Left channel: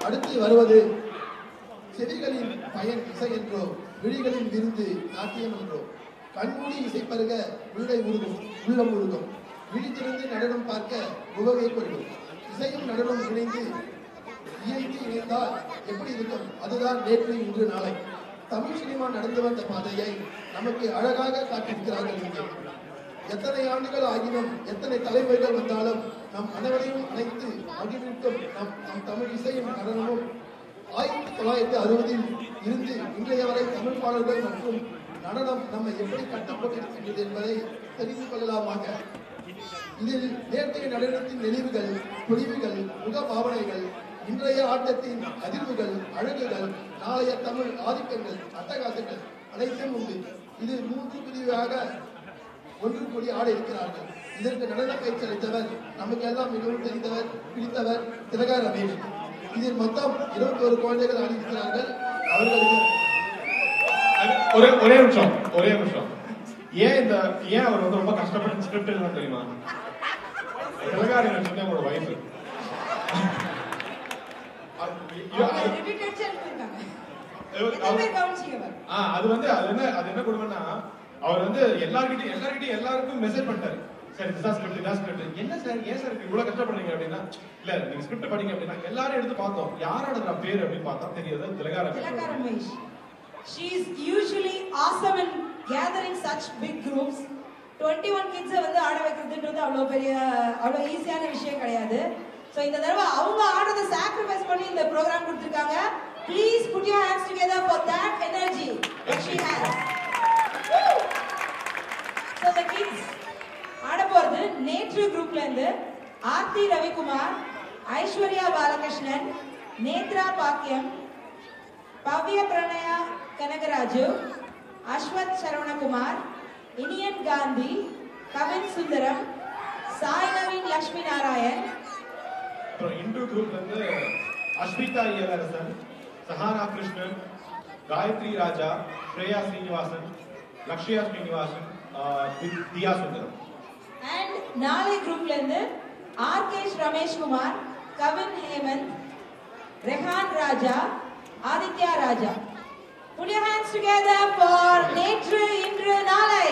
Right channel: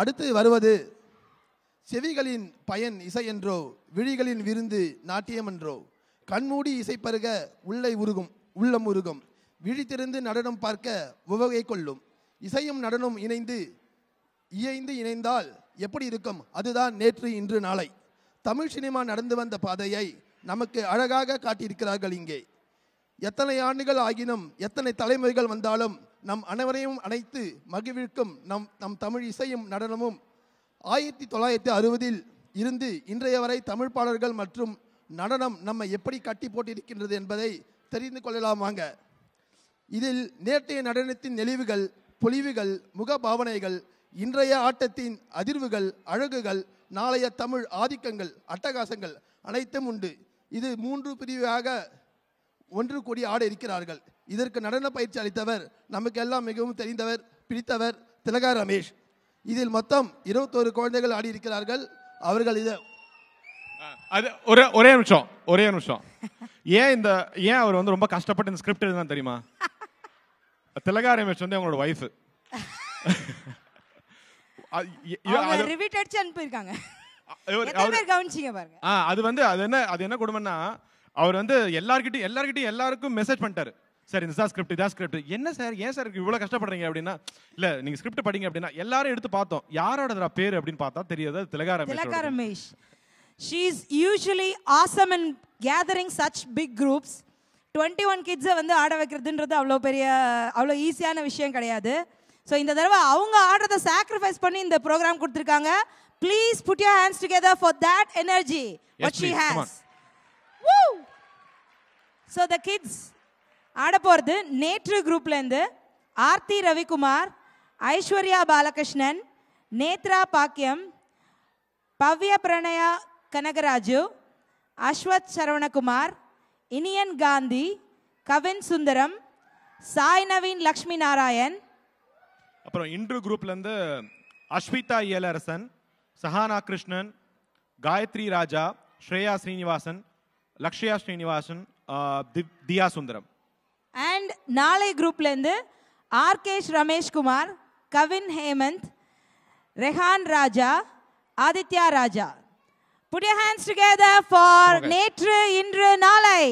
அடுத்து வருவது செவிகளின் பயன் இசை என்றோ, விழிகளின் விருந்து நாட்டியம் என்றோ. கண்மூடி இசை பருக உள்ளம் உருகும், விழித்திருந்து நடனம் பார்க்க உவகை கொள்ளும். இசையும் நடனம் இணைந்தால் எப்படி இருக்கும்? அதுதான் நேற்று இன்று நாளை. தமிழ் சினிமா நடந்து வந்த பாதையை நமக்கு அழகாக காட்டியிருக்கிறார்கள் இங்கே. எத்தனை ஆண்டுகள் ஆகினும், எத்தனை தலைமுறைகள் வந்தாலும் நம் அனைவரையும் அனைத்து மகிழ்விக்கும் நம் தமிழ் இசையும் நடனமும் 1960 இருந்து இன்றைய வரை தமிழ் பாடல்கள் மற்றும் நடனம் நம்மை எப்படி கட்டி போட்டிருக்கின்றது என்பதை தெரிந்து கொள்ளலாம் வாங்க. இதில் நேற்றைய நடனத்தின் நெளிவுகள், பொலிவுகள், முக பாவனைகள், இன்றைய ஆட்டத்தின் அதிர்வுகள், அழகுகள், நாளைய தமிழ் ஆதிக்கங்கள், அட்டகாசங்கள் அனைத்தும் உண்டு. இது 3 பிரிவாக ஒன்று கூடி ஆட இருக்கிறார்கள். இதற்கு நடன பயிற்சி அளித்தவர் நமக்கு எல்லாம் மிகவும் தெரிந்தவர், பிடித்தவர் திலகா ரமேஷ். இதில் மொத்தம் 21 குழந்தைகள் ஆடி இருக்கிறார்கள். அவர்கள் ஒரே நிமிஷம் ஏன் அவர் வந்து ரொம்ப கஷ்டப்பட்டு ஸ்கிரிப்ட் எழுதுனா தெரியுமா? திலகா ரமேஷ் வந்து அவங்களோட வைஃப். அது என்ன கொடுமைன்னா, அவர் வந்து எல்லாருக்கும் மெசேஜ் பண்ணிட்டாரு. சார் இந்த ஸ்கிரிப்ட் என்ன சார், ஏன் சார் இவ்வளவு கஷ்டப்படுறீங்க அப்படின்னா, இல்ல நீங்க ஸ்கிரிப்ட் படிங்க அப்படின்னா எல்லாரும் எடுத்து பார்த்தோம். யாரோட பேர் அப்படின்னு பார்த்தா தெரியுது திலகா Ramesh. She is usually awesome in gathering such big groups. 21 kids வந்து ஆட வைக்கிறதுன்றது அவ்வளோ ஈஸியான விஷயம் கிடையாது. ஸோ இந்த தடவை அவங்க ஆடுறதை சாக்ரிஃபைஸ் பண்ணி இந்த ப்ரோக்ராம் கொடுத்துருக்காங்க. Please put your hands together for that energy what she has. So the kids ஆட போகிறது நேற்று குரூப்லேருந்து ஆர்த்தி ரவிக்குமார், ஐஸ்வர்யா பாலகிருஷ்ணன், நேத்ரா பாக்கியம், பவ்ய பிரணயா கனகராஜு, அஸ்வத் சரவணகுமார், இனியன் காந்தி, கவின் சுந்தரம், சாய் நவீன் லக்ஷ்மி நாராயண். அப்புறம் இன்று குரூப்ல இருந்து அஸ்மிதா இயலரசன், சஹானா கிருஷ்ணன், காயத்ரி ராஜா, ஸ்ரேயா ஸ்ரீனிவாசன், லக்ஷ்யா ஸ்ரீனிவாசன், தியா சுந்தரம். அண்ட் நாளை குரூப்ல இருந்து ஆர்கேஷ் ரமேஷ் குமார், கவின் ஹேமந்த், ரெஹான் ராஜா, ஆதித்யா ராஜா. Put your hands together for நேற்று இன்று நாளை.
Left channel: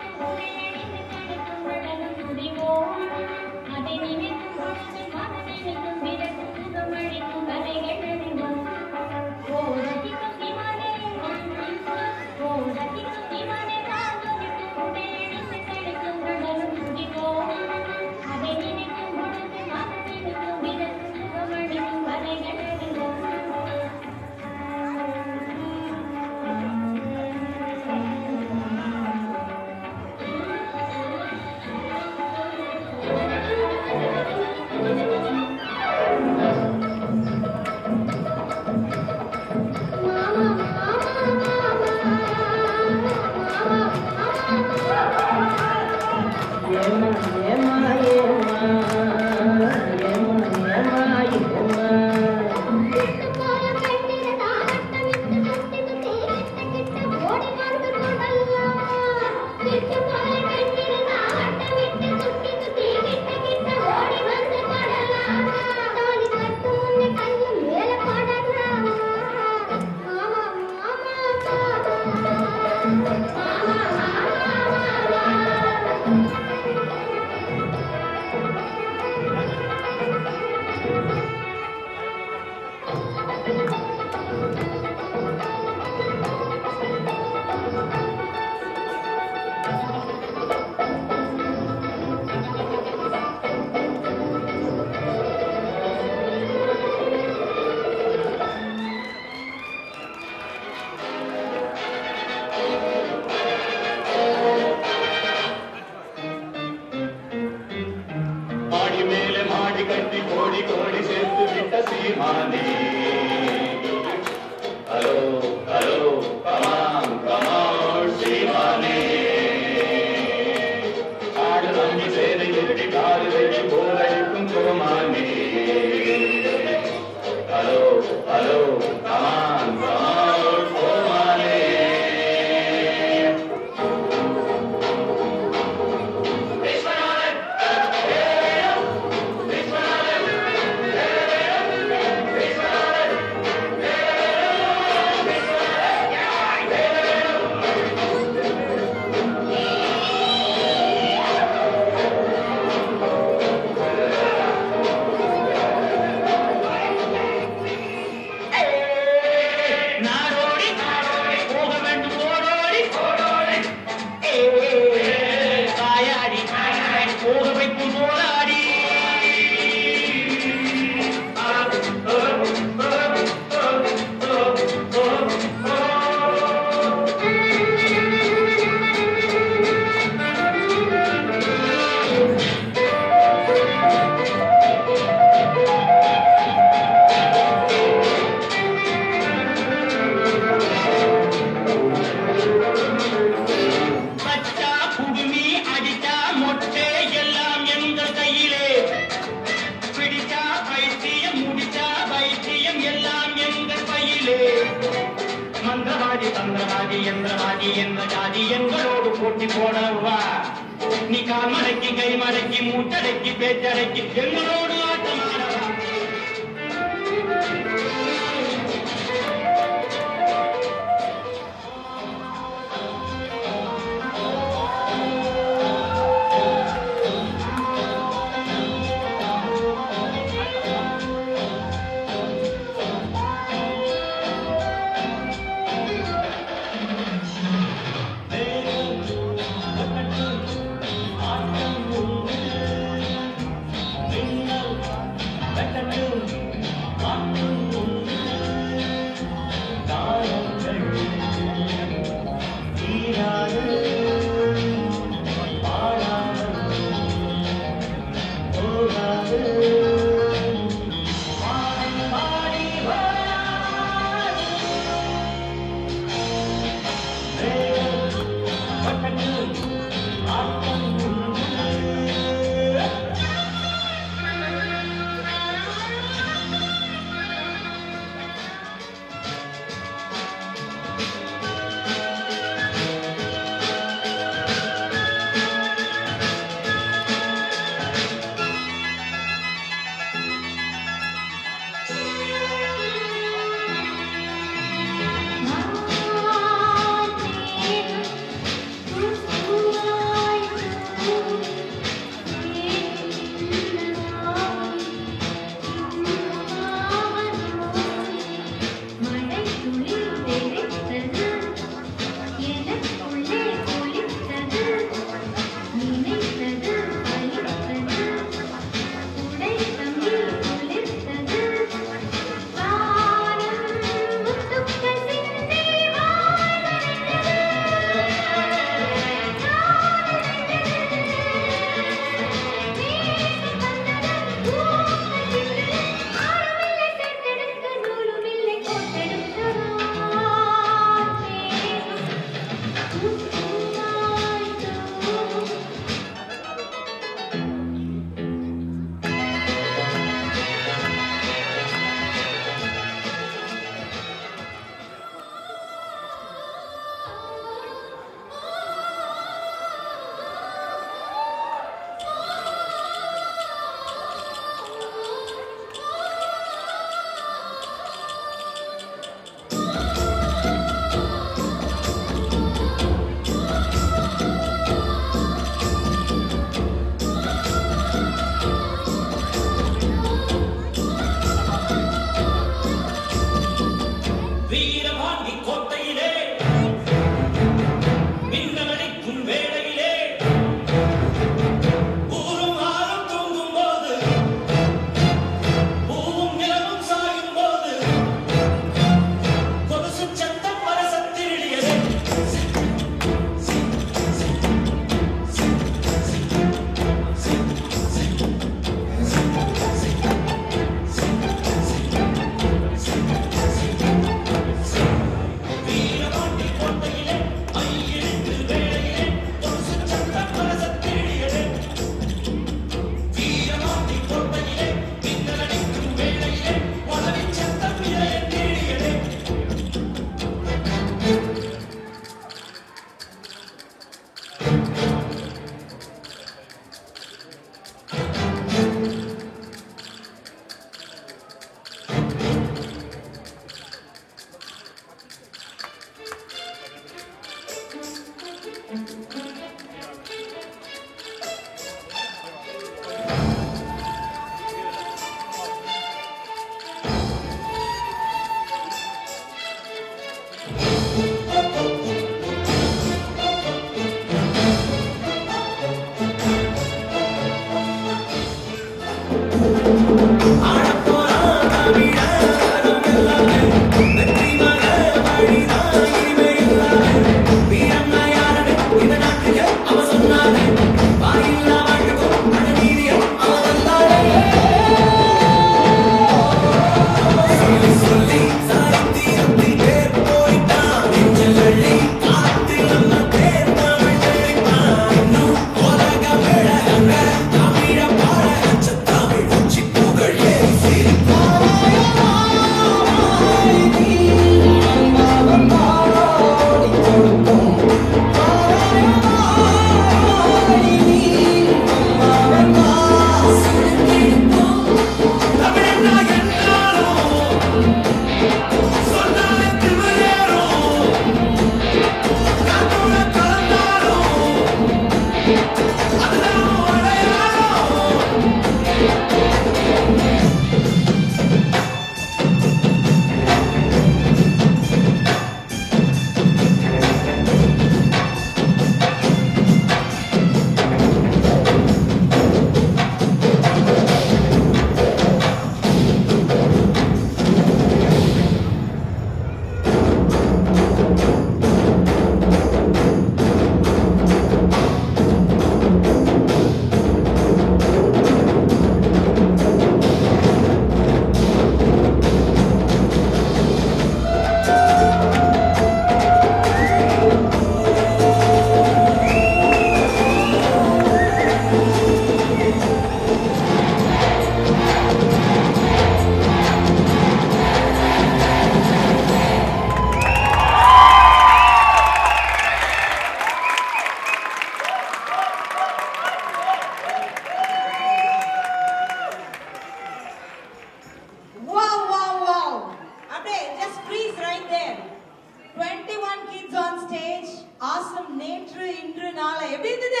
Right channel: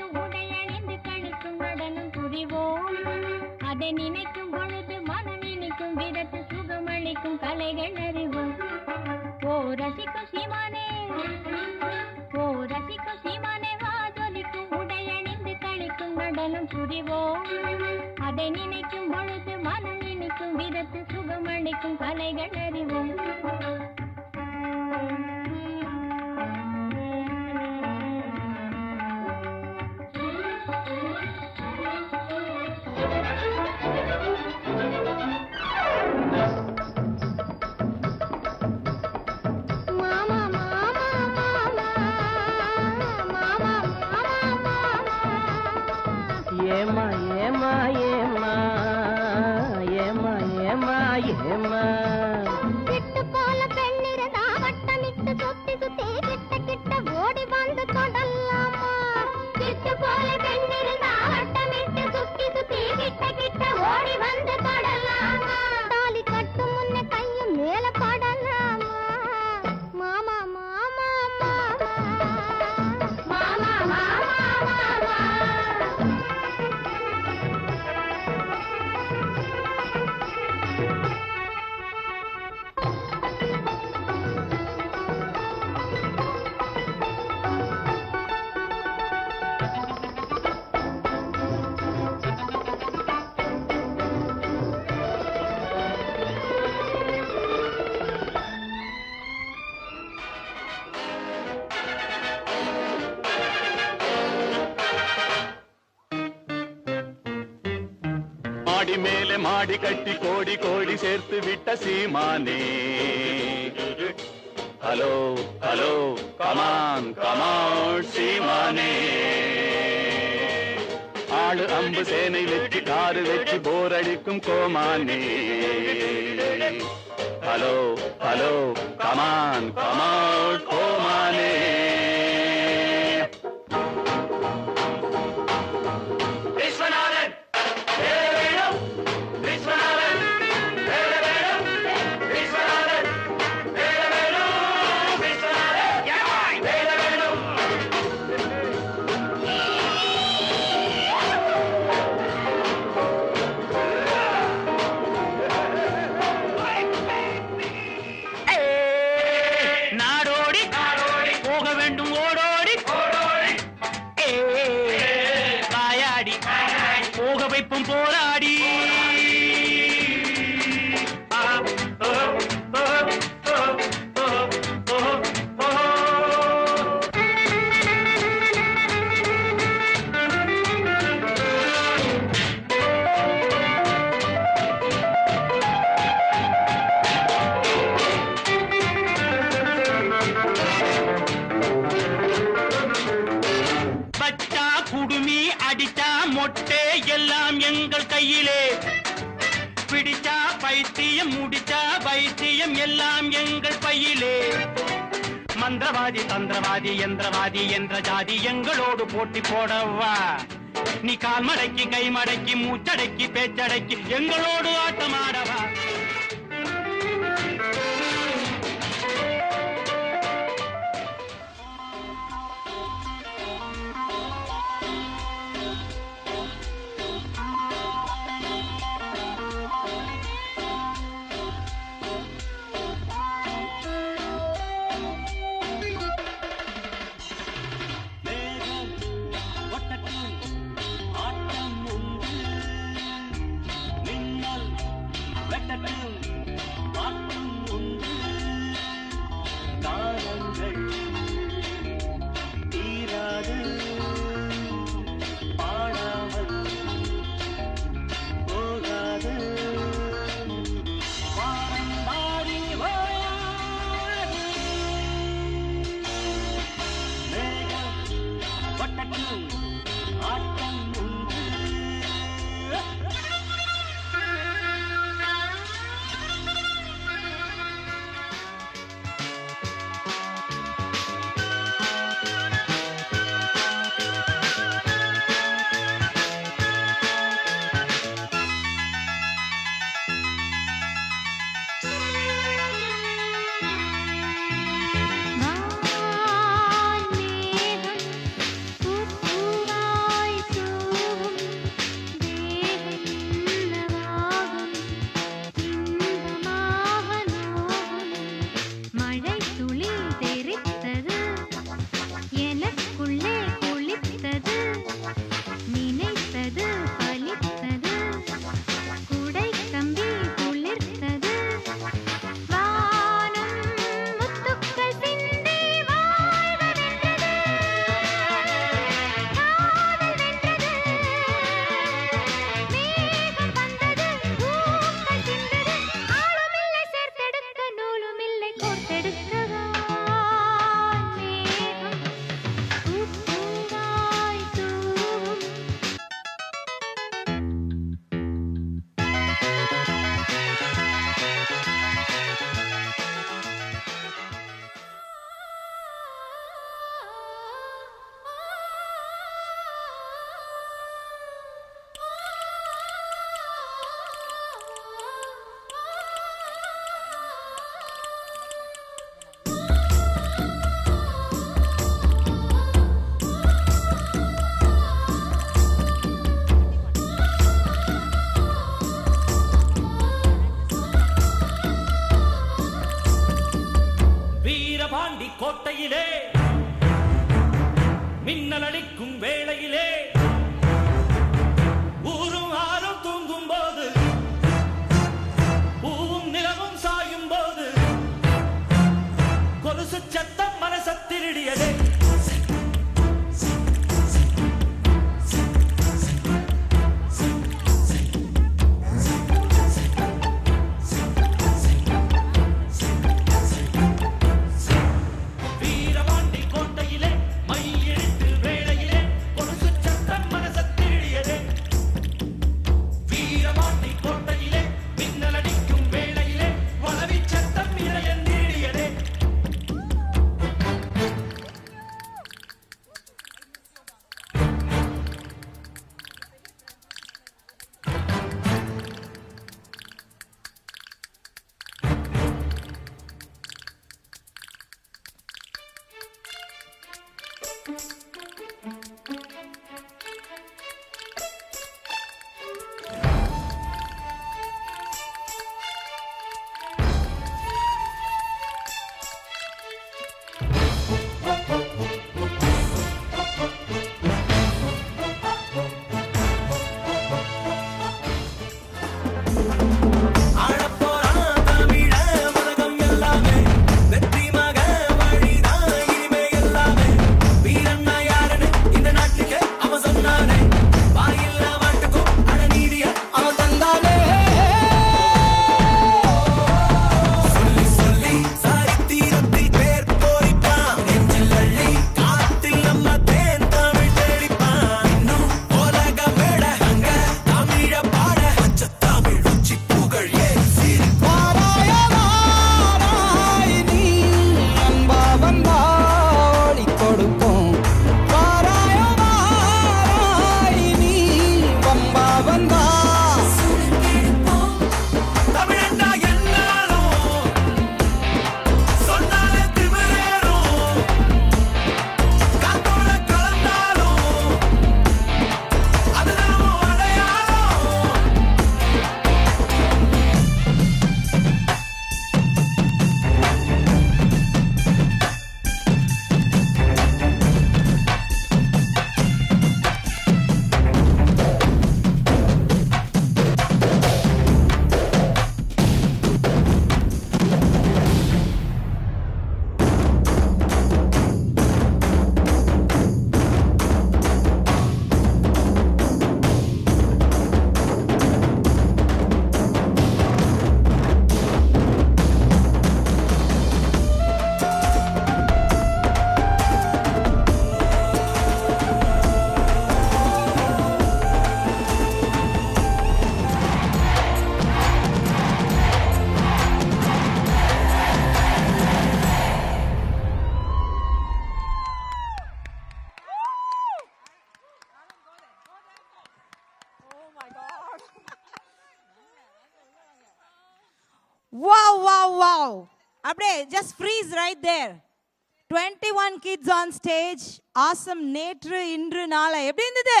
stage. Awesome. நேற்று இன்று நாளை எப்படி இருந்தது?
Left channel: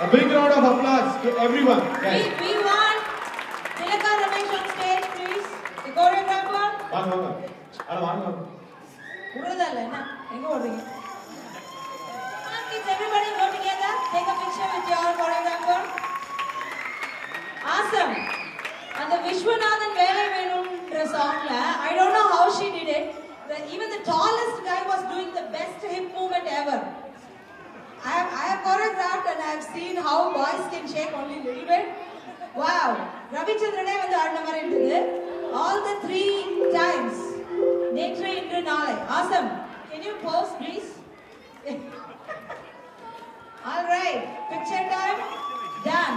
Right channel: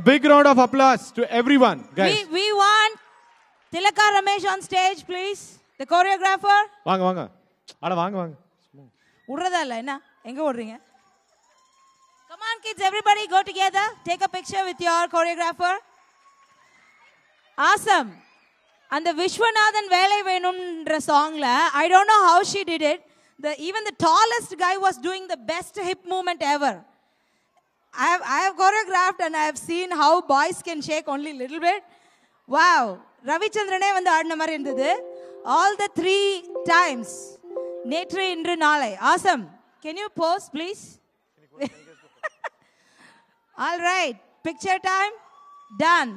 A big round of applause to everyone. We want Tilaka Ramesh on stage, please. The choreographer. வாங்க வாங்க. அட வாங்க வாங்க. உறதா இல்ல என்ன? எங்க ஓடுறீங்க? Come on kids, everybody go together. Take a picture with your choreographer. Awesome. And the Vishwanathan Vela Venumன்ற songல I don't know how she did it. Even the tallest guy was doing the best hip movement ever. I have choreographed and I have seen how boys can shake only little bit. Wow. Ravichandrane வந்து ஆடின மாதிரி இருந்தது. All the 3 times. நேற்று இன்று நாளை. Awesome. Can you pose please? All right. Picture time. Done.